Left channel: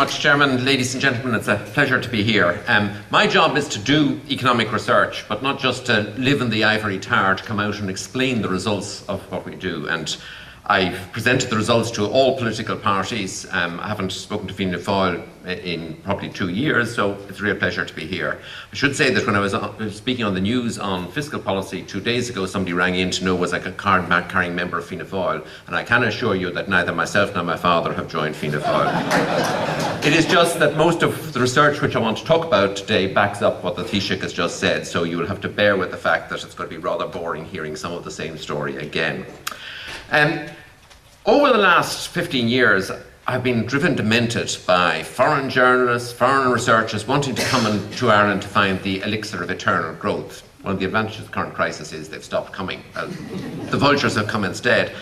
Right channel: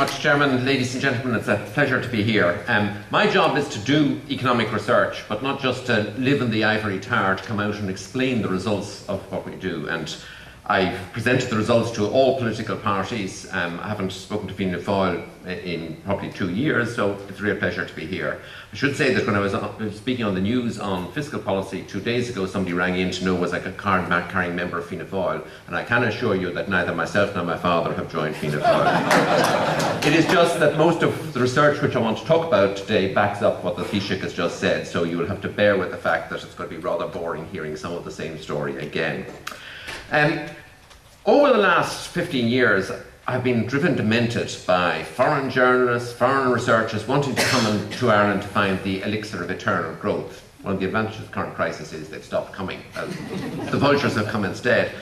much, Chairman. Ladies and gentlemen, it's a pleasure to be here. My job is to do economic research, but not just to live in the ivory tower to come out and explain the results of what we do. And I've presented the results to all political parties. I haven't spoken to Fianna Fáil in probably 2 years, so it's a real pleasure to be here. I should say that when I was speaking on the news on fiscal policy 2 days ago, somebody rang in to know was I a card-carrying member of Fianna Fáil, and I can assure you that neither myself nor my father have joined Fianna Fáil. It is just that most of the research which I want to talk about today backs up what the Taoiseach has just said, so you will have to bear with the fact that it's going to be rather boring hearing some of the same story again. Over the last 15 years, I've been driven demented by foreign journalists, foreign researchers wanting to come to Ireland to find the elixir of eternal growth. One of the advantages of the current crisis is they've stopped coming. The vultures have come instead.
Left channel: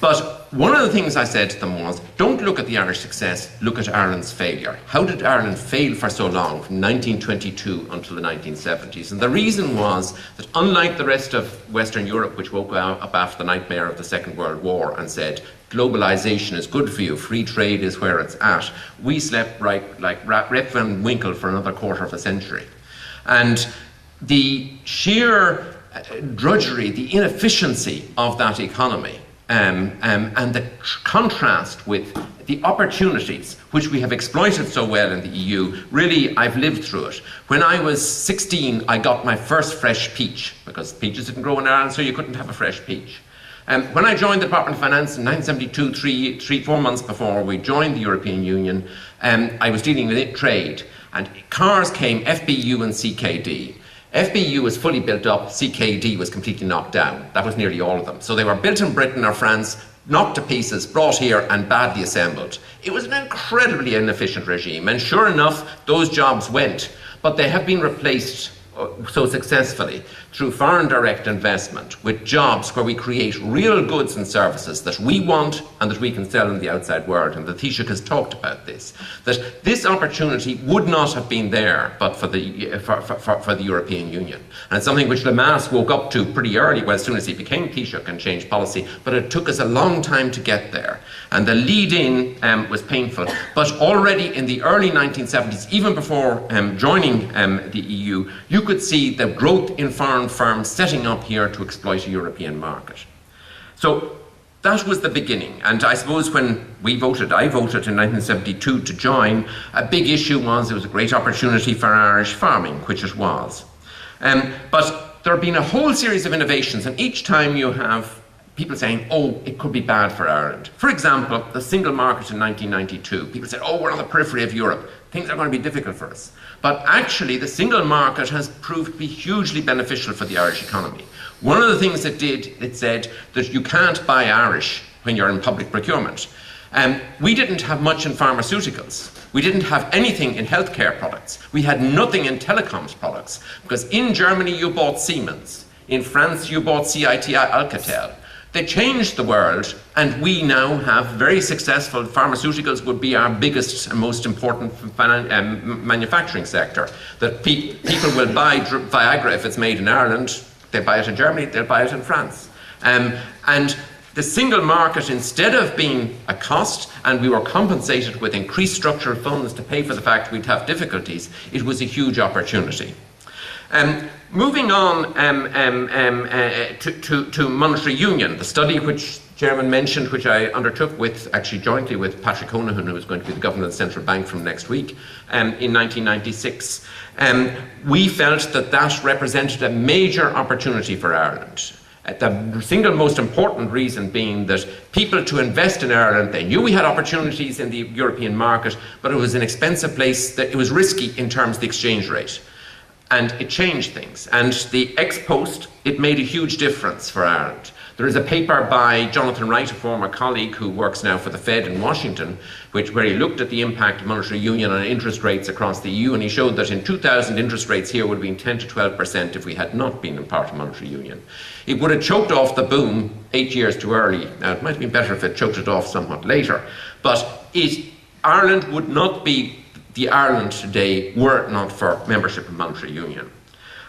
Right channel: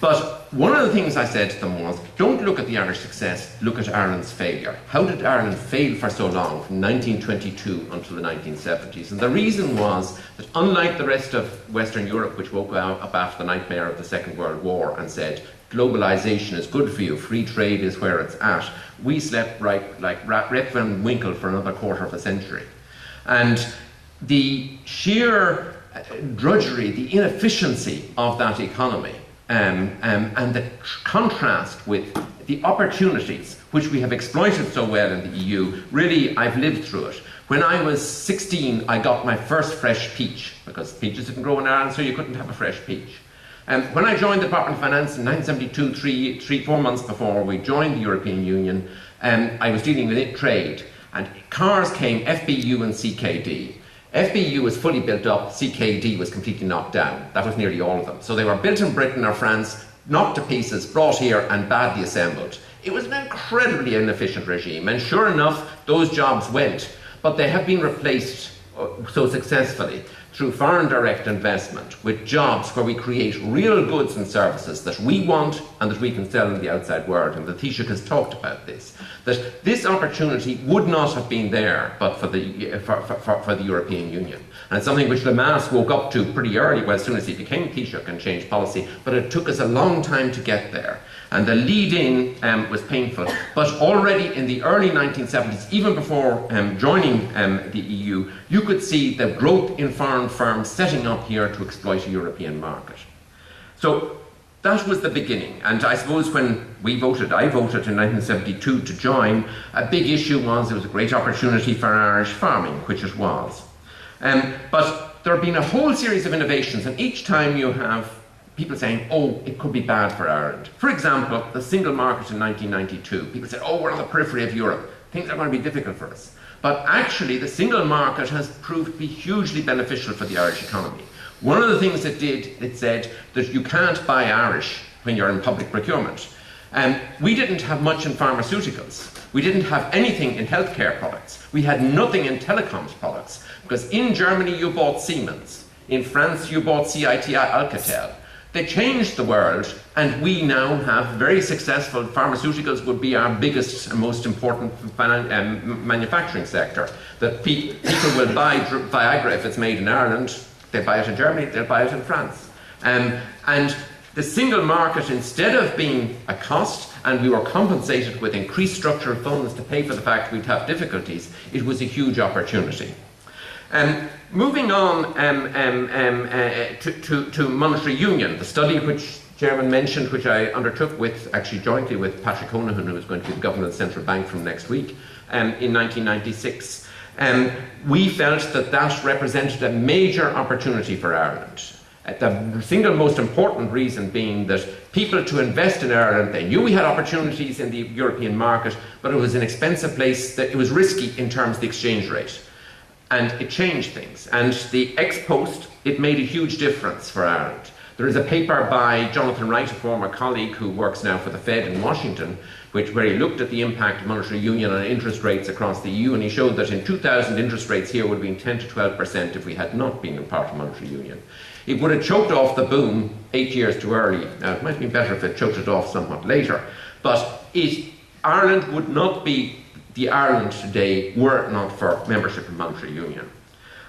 But one of the things I said to them was, don't look at the Irish success, look at Ireland's failure. How did Ireland fail for so long, from 1922 until the 1970s? And the reason was that unlike the rest of Western Europe, which woke up after the nightmare of the Second World War and said, globalization is good for you, free trade is where it's at, we slept right like Rip Van Winkle for another quarter of a century. And the sheer drudgery, the inefficiency of that economy, and the contrast with the opportunities which we have exploited so well in the EU, really, I've lived through it. When I was 16, I got my first fresh peach, because peaches didn't grow in Ireland, so you couldn't have a fresh peach. When I joined the Department of Finance in 1972, 4 months before we joined the European Union, I was dealing with trade, and cars came FBU and CKD. FBU was fully built up, CKD was completely knocked down. That was nearly all of them. So they were built in Britain or France, knocked to pieces, brought here and badly assembled. It was an incredibly inefficient regime, and sure enough, those jobs went. But they have been replaced so successfully through foreign direct investment with jobs where we create real goods and services that we want and that we can sell in the outside world. And the Taoiseach has talked about this, that this opportunity would not have been there but for the European Union. And it's something which Lemass woke up to pretty early, well, as soon as he became Taoiseach and changed policy, but it took us a long time to get there. And the lead-in was painful. But already in the early 1970s, even before joining the EU, you could see the growth in foreign firms setting up here to exploit a European market. So that was the beginning. And I suppose when I voted in 1972 to join, a big issue was it was a great opportunity for Irish farming, which it was. But there have been a whole series of innovations, and each time you have people saying, oh, it could be bad for Ireland. For example, the single market in 1992. People said, oh, we're on the periphery of Europe. Things are going to be difficult for us. But actually, the single market has proved to be hugely beneficial for the Irish economy. One of the things it did, it said that you can't buy Irish when you're in public procurement. We didn't have much in pharmaceuticals. We didn't have anything in healthcare products. We had nothing in telecoms products. Because in Germany, you bought Siemens. In France, you bought CITI Alcatel. They changed the world, and we now have very successful pharmaceuticals would be our biggest and most important manufacturing sector. That people will buy Viagra if it's made in Ireland, they buy it in Germany, they'll buy it in France. And the single market, instead of being a cost, and we were compensated with increased structural funds to pay for the fact we'd have difficulties, it was a huge opportunity. Moving on to monetary union, the study which Chairman mentioned, which I undertook actually jointly with Patrick Honohan, who is going to be the Governor of the Central Bank from next week, in 1996. We felt that represented a major opportunity for Ireland. The single most important reason being that people to invest in Ireland, they knew we had opportunities in the European market, but it was an expensive place, that it was risky in terms of the exchange rate. And it changed things. And the ex post, it made a huge difference for Ireland. There is a paper by Jonathan Wright, a former colleague who works now for the Fed in Washington, where he looked at the impact of monetary union on interest rates across the EU, and he showed that in 2000 interest rates here would have been 10 to 12% if we had not been a part of monetary union. It would have choked off the boom 8 years too early. Now, it might have been better if it choked it off somewhat later, but Ireland would not be the Ireland today were it not for membership in monetary union.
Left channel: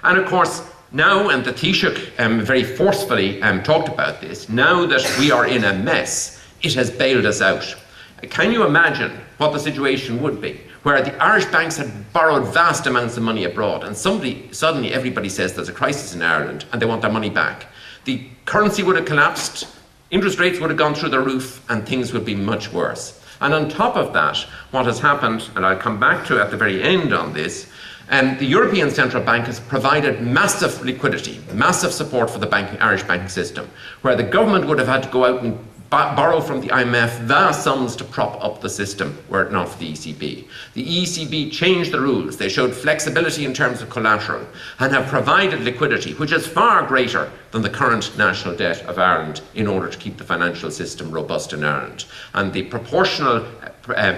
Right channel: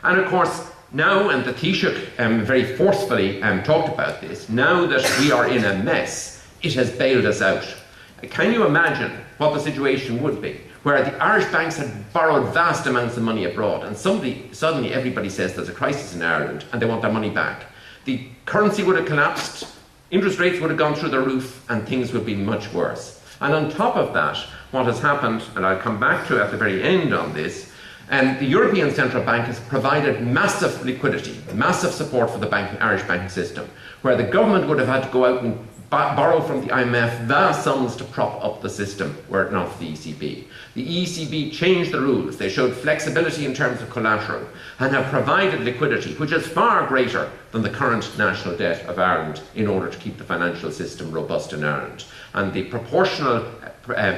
And of course, now, and the Taoiseach very forcefully talked about this, now that we are in a mess, it has bailed us out. Can you imagine what the situation would be where the Irish banks had borrowed vast amounts of money abroad and suddenly everybody says there's a crisis in Ireland and they want their money back? The currency would have collapsed, interest rates would have gone through the roof, and things would be much worse. And on top of that, what has happened, and I'll come back to at the very end on this, the European Central Bank has provided massive liquidity, massive support for the Irish banking system, where the government would have had to go out and borrow from the IMF vast sums to prop up the system were it not for the ECB. The ECB changed the rules. They showed flexibility in terms of collateral and have provided liquidity, which is far greater than the current national debt of Ireland, in order to keep the financial system robust in Ireland. And the proportional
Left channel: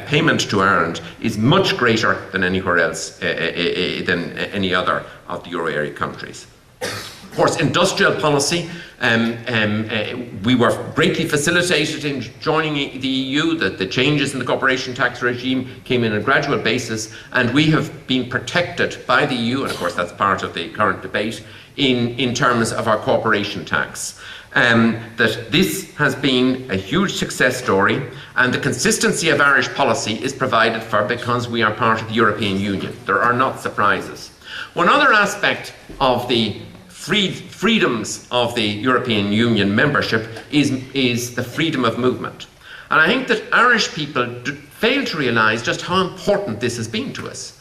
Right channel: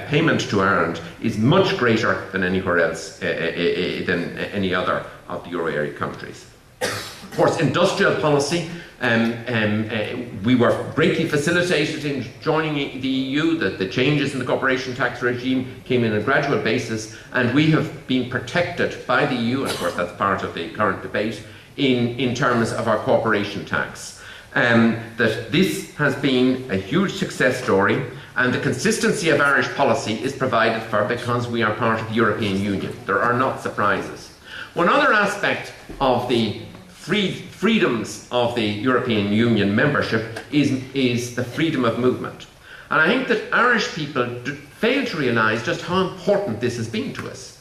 payment to Ireland is much greater than anywhere else, than any other of the euro area countries. Of course, industrial policy, we were greatly facilitated in joining the EU. The changes in the corporation tax regime came in on a gradual basis, and we have been protected by the EU, and of course that's part of the current debate, in terms of our corporation tax. That this has been a huge success story, and the consistency of Irish policy is provided for because we are part of the European Union. There are not surprises. One other aspect of the freedoms of the European Union membership is the freedom of movement. And I think that Irish people fail to realise just how important this has been to us.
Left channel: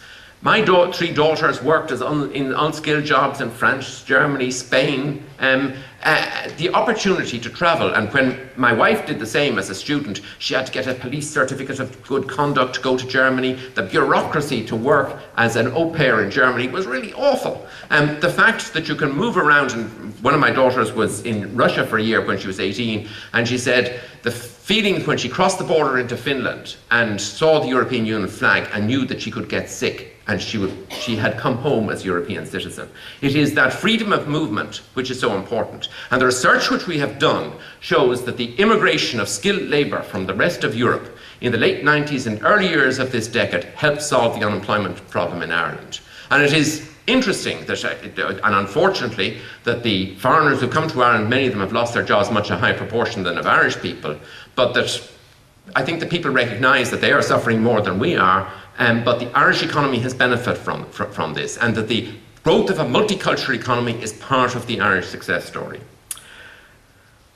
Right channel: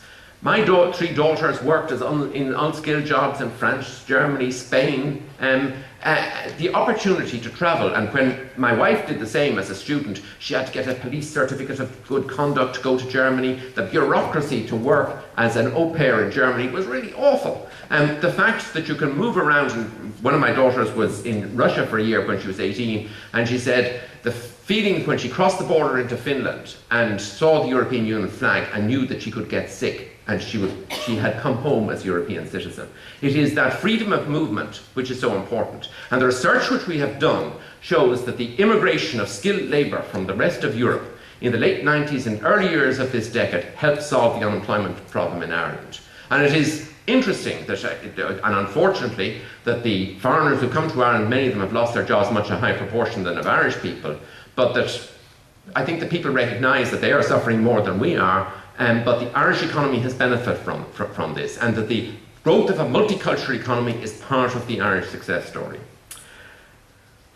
My three daughters worked in unskilled jobs in France, Germany, Spain. The opportunity to travel, and when my wife did the same as a student, she had to get a police certificate of good conduct to go to Germany. The bureaucracy to work as an au pair in Germany was really awful. The fact that you can move around, and one of my daughters was in Russia for a year when she was 18, and she said the feeling when she crossed the border into Finland and saw the European Union flag and knew that she could get sick, and she had come home as a European citizen. It is that freedom of movement which is so important. And the research which we have done shows that the immigration of skilled labour from the rest of Europe in the late 90s and early years of this decade helped solve the unemployment problem in Ireland. And it is interesting that, and unfortunately, that the foreigners who come to Ireland, many of them have lost their jobs, much a higher proportion than of Irish people, but that I think that people recognise that they are suffering more than we are, but the Irish economy has benefited from this, and that the growth of a multicultural economy is part of the Irish success story.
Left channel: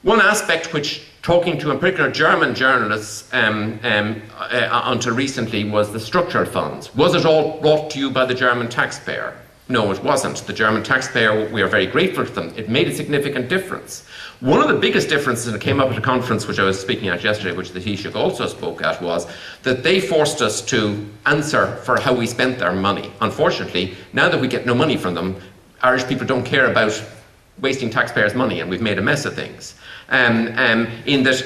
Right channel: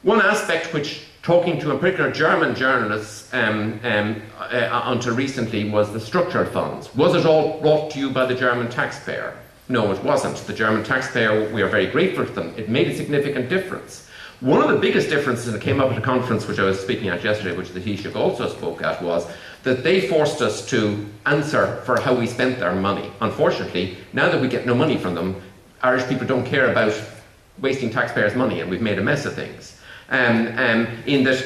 One aspect which, talking to in particular German journalists until recently, was the structural funds. Was it all brought to you by the German taxpayer? No, it wasn't. The German taxpayer, we are very grateful to them. It made a significant difference. One of the biggest differences that came up at a conference which I was speaking at yesterday, which the Taoiseach also spoke at, was that they forced us to answer for how we spent their money. Unfortunately, now that we get no money from them, Irish people don't care about wasting taxpayers' money, and we've made a mess of things. In that,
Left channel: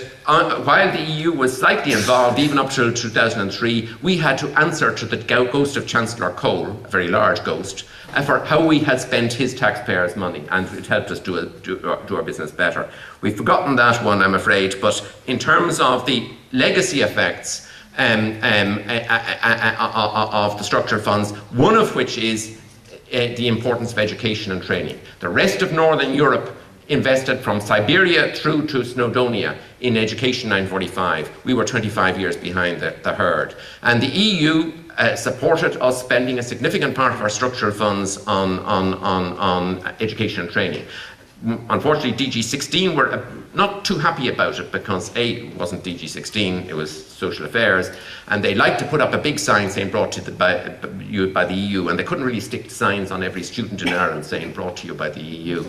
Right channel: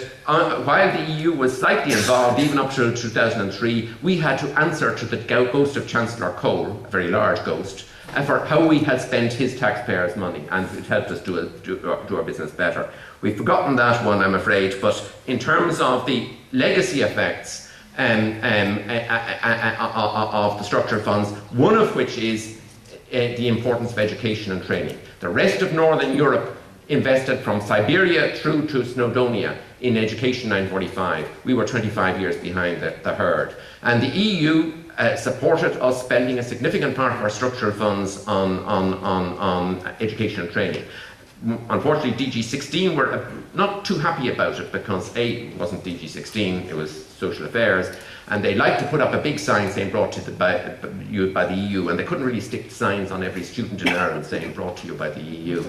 while the EU was slightly involved, even up till 2003, we had to answer to the ghost of Chancellor Cole, a very large ghost, for how we had spent his taxpayers' money, and it helped us do our business better. We've forgotten that one, I'm afraid, but in terms of the legacy effects of the structural funds, one of which is the importance of education and training. The rest of Northern Europe invested from Siberia through to Snowdonia in education 945. We were 25 years behind the herd. And the EU supported us spending a significant part of our structural funds on education and training. Unfortunately, DG16 were not too happy about it because A, it wasn't DG16, it was social affairs, and they liked to put up a big sign saying brought to you by the EU, and they couldn't really stick signs on every student in Ireland saying brought to you by the EU.